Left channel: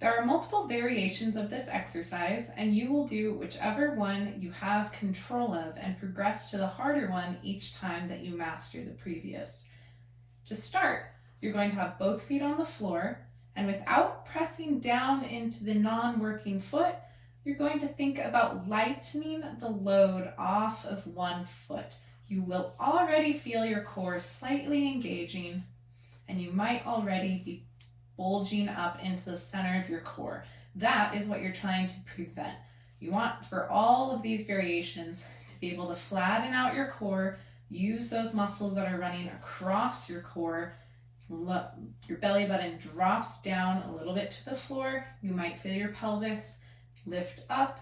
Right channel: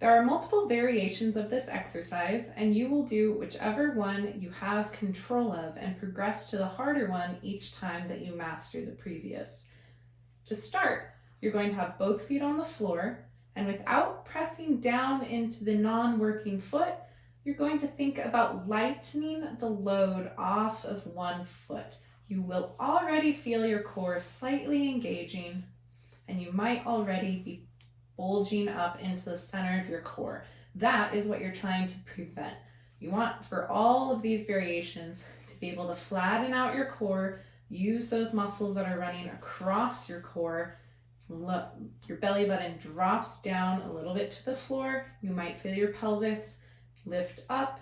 There are multiple variations of this exercise, and you will do whichever one you have control of and progress to the harder one each time that you master the previous. To start, you're going to have both feet on the floor, and without pressing down into the non-working foot, you're going to think about lightening the load off of one foot. You will already feel your core slightly engaging, and you might already be bulging up into the center of your core. That is what you're trying to prevent. You want for all of these variations to be able to flatten out your core, use those muscles that are running across your core. Look, your belly button drops down a little bit to the floor. You might feel your pelvis lift up,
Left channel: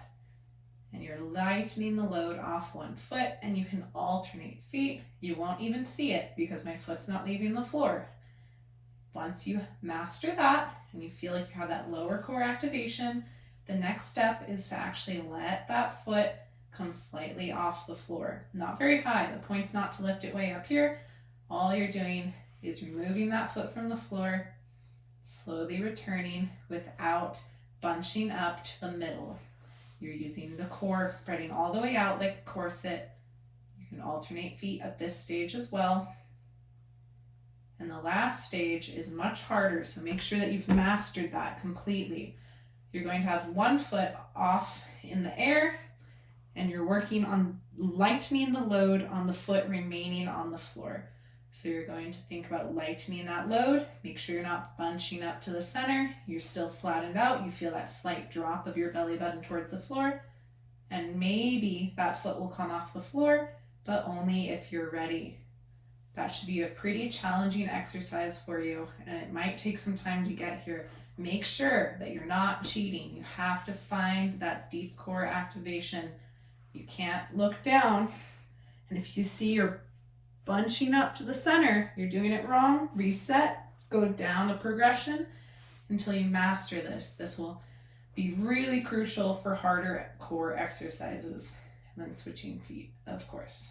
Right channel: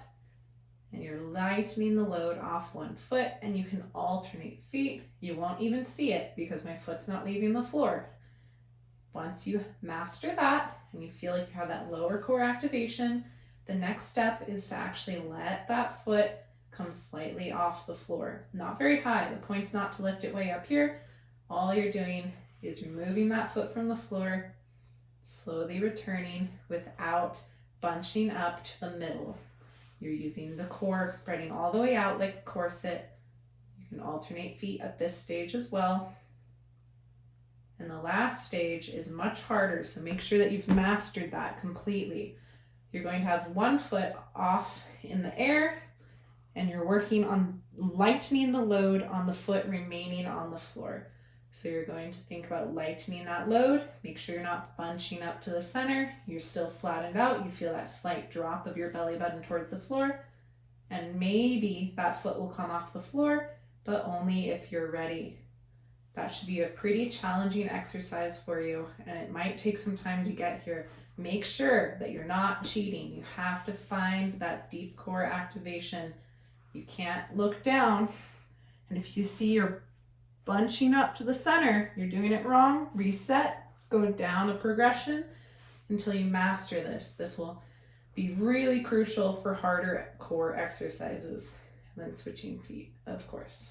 and you're lightening the load off one foot, and you can alternate feet. You won't even see it because my foot's not leaving the floor. Once you master that and you feel like you have that lower core activation, the next step is to actually let that foot come slightly off the floor. Not very high. The point's not to lift it way up here. All you're doing is removing that foot from the floor, slowly returning without bunching up to the middle. You're using the core spreading all the way out like a corset. You can alternate feet at this stage as well. And the last stage is much harder, so make sure that you've mastered that completely. You're going to have one foot off in the air, and you're working on lightening the load on the foot remaining on the floor. So you're going to think about lightening that load. Make sure you're not bunching up to the center. You're still flattened out. You feel that slight drop of your belly button towards the floor. And maybe that foot will come off the floor, but only if you're ready. That should be a pretty challenging exercise for you, and it might take some time to get here. Make sure that you're not cheating. You have to find that deep core activation. You can't look down, and if you see you're bunching up to the center, you're doing it wrong. Reset, go down a progression until you master this. This will be really crucial for harder core exercises. And then switching feet, of course.